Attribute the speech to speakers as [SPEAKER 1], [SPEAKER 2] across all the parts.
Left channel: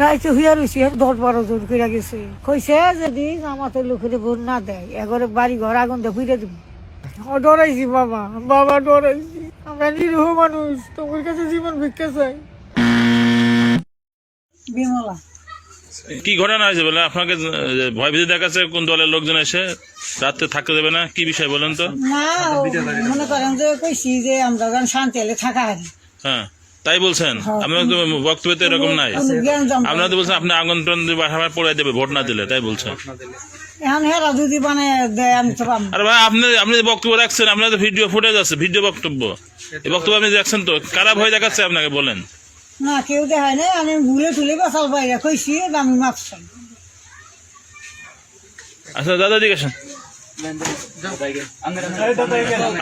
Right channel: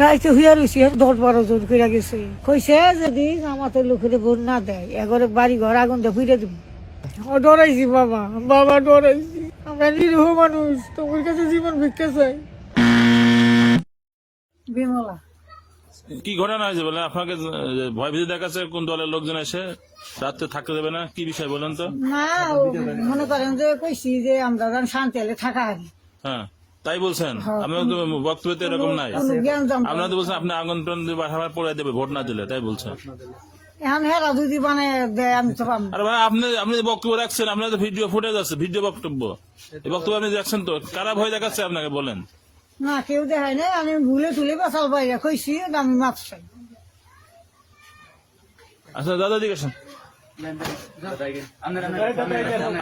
[SPEAKER 1] রাইতে হইয়া রয়েছে দশ বারো জন করে গেছে। কইছে যদি আমাদের লোকের ভোট না দেয় এগরে বাড়ি ঘর আগুন দিয়ে ফিরে দিব ডরাইছি বাবা বাবা ডরাইছি। আমরা নিরীহ মানুষ তোমার কাছে জীবন ভিক্ষা চাই। বিমলা।
[SPEAKER 2] কি ঘটনা হয়েছে বলে আপনাকে ভয় ভীতি দেখাচ্ছে কোন দলের লোকজন এসে? রাত্রে থাকতে দেবে না? কি বিষয় বলেন তো?
[SPEAKER 1] না মনে করেন যে কইছি যে আমরা শান্তি হলে থাকা
[SPEAKER 2] হ্যাঁ। তাই বলছেন? আপনার তো বক্তব্য তো এরকম নাই। আপনারা তো বলছেন আপনি আগুন টান দিয়ে বাসা পড়ে দেবে ভোট না দিলে তাই বলছেন।
[SPEAKER 1] এখন হেরা যদি মানে দেয় আমি তো পাবো
[SPEAKER 2] আরে ভাই আপনি আপনি বক্তব্য রাখছেন আপনার তো ভিডিও ফুটেজ আছে ভিডিও বক্তব্য। এই বক্তব্য আপনি রাখছেন তো কারা ভয় দেখাচ্ছে আপনাকে বলেন?
[SPEAKER 1] না কেউ দেখায় নাই আমি ভুলে তুলে বাসাল বাইরে কইছি আমি মাছ
[SPEAKER 2] আচ্ছা দাদা জিজ্ঞাসা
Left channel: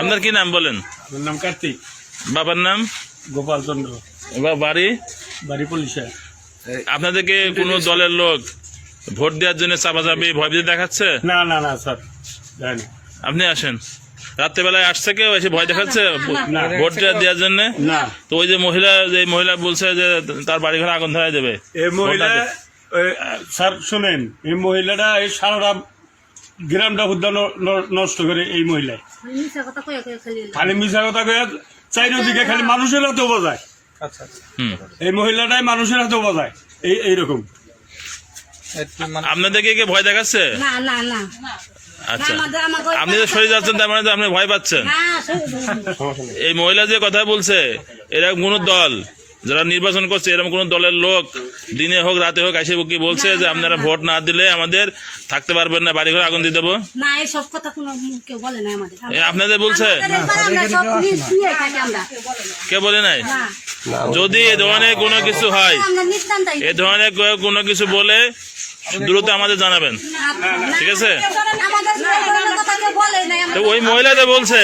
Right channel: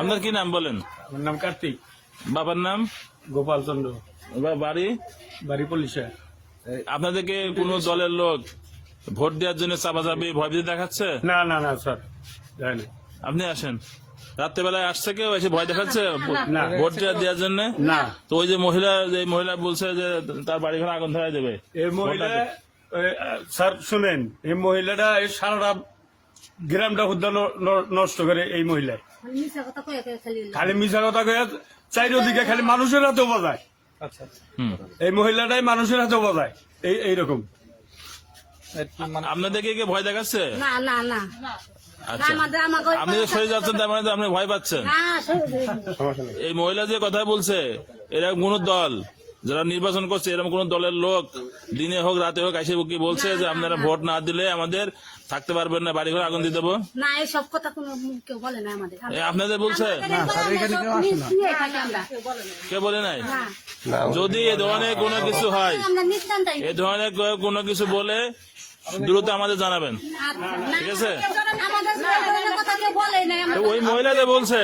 [SPEAKER 2] আপনার কি নাম বলেন?
[SPEAKER 3] নাম কার্তিক।
[SPEAKER 2] বাবার নাম?
[SPEAKER 3] গোপাল চন্দ্র
[SPEAKER 2] বাড়ি?
[SPEAKER 3] বাড়ি পুলিশে।
[SPEAKER 2] আপনাদেরকে কোনো দলের লোক ভোট দেওয়ার জন্য চাপা চাপি ভয় ভীতি দেখাচ্ছে?
[SPEAKER 3] না না না স্যার যাই
[SPEAKER 2] আপনি আসেন। রাত্রেবেলায় আসছে কেউ? এসে ভয় দেখাচ্ছে?
[SPEAKER 3] না।
[SPEAKER 2] ভোট দেওয়ার জন্য?
[SPEAKER 3] না।
[SPEAKER 2] তো ওই যে মহিলা যে মহিলা বলছে যে তার বাড়ি ঘরে আগুন ধরাই দেবে।
[SPEAKER 3] এই মহিলা স্যার শোনেন এই মহিলাটা এই সারাটা গ্রামটা বুদ্ধ নষ্ট করে এই মহিলা খালি মিশা কথা কয়ে চারিদিকে খালি মানুষের হাতে বাজায়
[SPEAKER 2] আচ্ছা
[SPEAKER 3] এই মহিলাটাই মানুষের হাতে বাজায় এই এইরকম।
[SPEAKER 2] আপনাদেরকে কে ভয় দেখাচ্ছে?
[SPEAKER 4] না না না।
[SPEAKER 2] আচ্ছা। আপনি যে সরে যাচ্ছেন তার মানে তো আপনি ভয় পাচ্ছেন।
[SPEAKER 4] হ্যাঁ,
[SPEAKER 2] এই মহিলা যে কথা বলছে এরা কোন দল। যারা নির্বাচন করছে এরকম কোন দলের লোক দিনে হোক রাতে হোক আসে কি বলছে যে আপনারা ভোট না দিলে আমাদের থাকতে পারবেন না বাড়ি ঘরে আগুন দিয়ে দেবো?
[SPEAKER 4] না এই সব কথা কোনো কেউ বলে না আমাদের।
[SPEAKER 2] এ আপনাদের বলছে?
[SPEAKER 4] আমাদের এবার আমরা সব নিয়ে শুয়ে থাকি আমরা।
[SPEAKER 2] কে বলে নাই? যদি এ ধরনের কোনো কিছু হয় এ ধরনের কোনো কিছু বলে দ্রুত আমাদের জানাবেন। ঠিক আছে? তো ওই মহিলা যে বলছে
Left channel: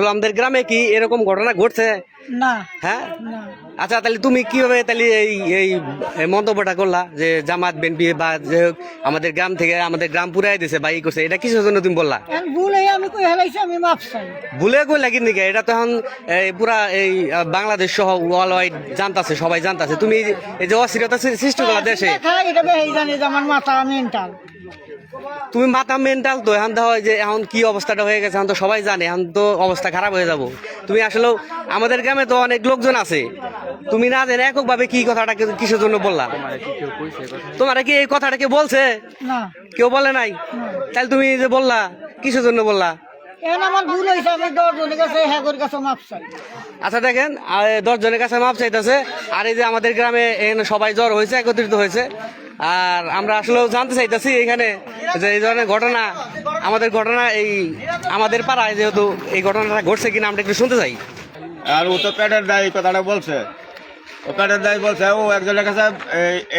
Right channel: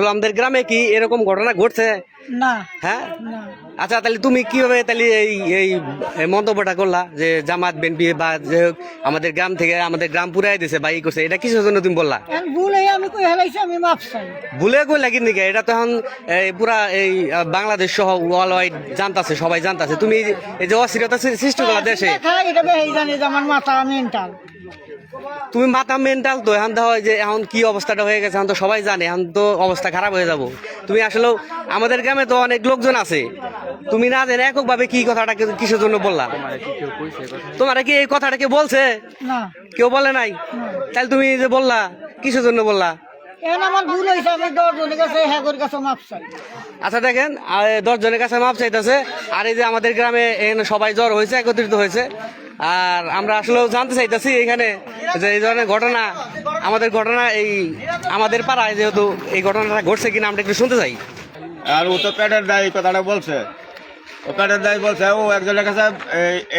[SPEAKER 5] আসলে আমাদের গ্রামে কি এরকম ঘটনা ঘটছে?
[SPEAKER 1] না।
[SPEAKER 5] হ্যাঁ? আচ্ছা তাহলে তুমি কীভাবে তাহলে এই এই এই মন্তব্যটা করলা যে জামাত বিএনপি বা যে আমাদের গ্রাম থেকে আমাদের গ্রাম পুরাই দিছে বা ই করছে এটা কিসের জন্য তুমি বললা?
[SPEAKER 1] ভুল হয়ে আমি কই হেলাইছি আমি মাপ চাই।
[SPEAKER 5] ভুলে কই লাগি নাকি এটা তো এখন এই পুরা এই বাংলাদেশ সহ ওয়ার্ল্ড ওয়াইড জানতাছে সবাই জানতাছে। তুমি এই যে- অস্থিরতা সৃষ্টি করলা দেশে।
[SPEAKER 1] এটা বেশি জানি যে আমার মাথা মেন্টাল
[SPEAKER 5] তুমি মাথা মেন্টাল তো এখন তো হয় যে এখন কি অবস্থাটা হয়ে গেছে এখন তো সবাই জানে এখন তো অবস্থা খারাপ হয়ে যাব। তুমি আসলেও আমাদের গ্রামে তো অনেক লোকজন আছে। তুমি না জেনে এককভাবে কি কথাটা কিসের জন্য বললা? তোমার কি এই কথাটা কে বলছে? কেউ বলে নাই? তাহলে তুমি যে বললা কিসের জন্য বললা? আচ্ছা দেখেন দশ জনের কাছে মাপ চাইতেছে। আর এই যে আমাদের গ্রামে এখানে সবাই জ্বর হয়েছে একত্রিত হয়েছে। আর আমরা আসলেও জানতে চাইতেছি এখানে যে এই ধরনের ঘটনা, আমাদের ঘটনা এই আমাদের পাড়ায় যেহেতু এই ঘটনাটা ঘটছে কিনা আমরা একটু শুনতে চাই।
[SPEAKER 6] আর ও তো পেটের দায় কথাটা বলছে। ও পেটের দায় বলছে, ও একজনের কাছে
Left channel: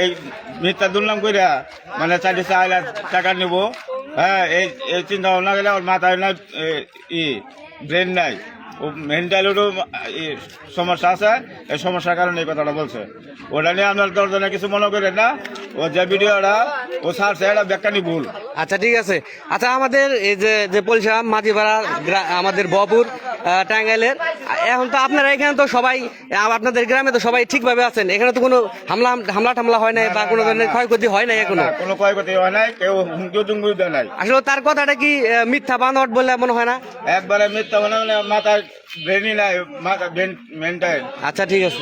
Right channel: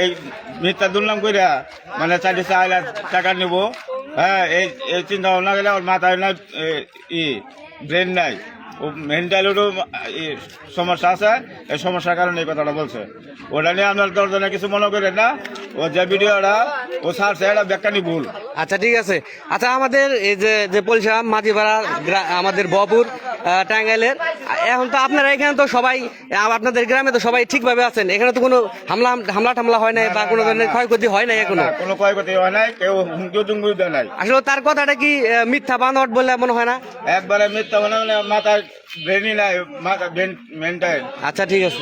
[SPEAKER 6] এই মিথ্যা দুর্নাম কইরা মানে চারটে চার টাকা নিব। হ্যাঁ এই চিন্তা ভাবনা গেলে ওর মাথায় না ই ব্রেন নাই। ও মেন্টালেরও সমস্যা আছে। এই সমস্যার কারণে এই কথাটা বলছে। ওটা নিয়ে আপনার দশজনে কিছু মনে করেন না। ও যে ভিডিওটা ও ছাড়ছে এটা ব্যাখ্যানি ভুল।
[SPEAKER 5] আচ্ছা ঠিক আছে। আচ্ছা আমাদের এই যে যে পরিষেবা মাঝিপাড়া আমাদের বপুর টাঙ্গাইলের। এখন তো আপনারা এখানে তো সবাই আপনাদের গ্রামে তো সবাই ঠিকভাবে আছেন। এখানে তো কোনো হামলা হামলা টামলা হয় নাই বা কোনো ধরনের ক্ষয়ক্ষতি হয় নাই
[SPEAKER 6] এখনও? কোনো ক্ষয়ক্ষতি হয় নাই কেউ হুমকিও টুমকিও দেয় নাই।
[SPEAKER 5] আসলে তার কথাটা কি মিথ্যা বানোয়াট বলে মনে হয় না?
[SPEAKER 6] একবারে মিথ্যা মানে মাথায় ব্রেনই নাই মাথা ব্রেন
[SPEAKER 5] আচ্ছা ঠিক আছে।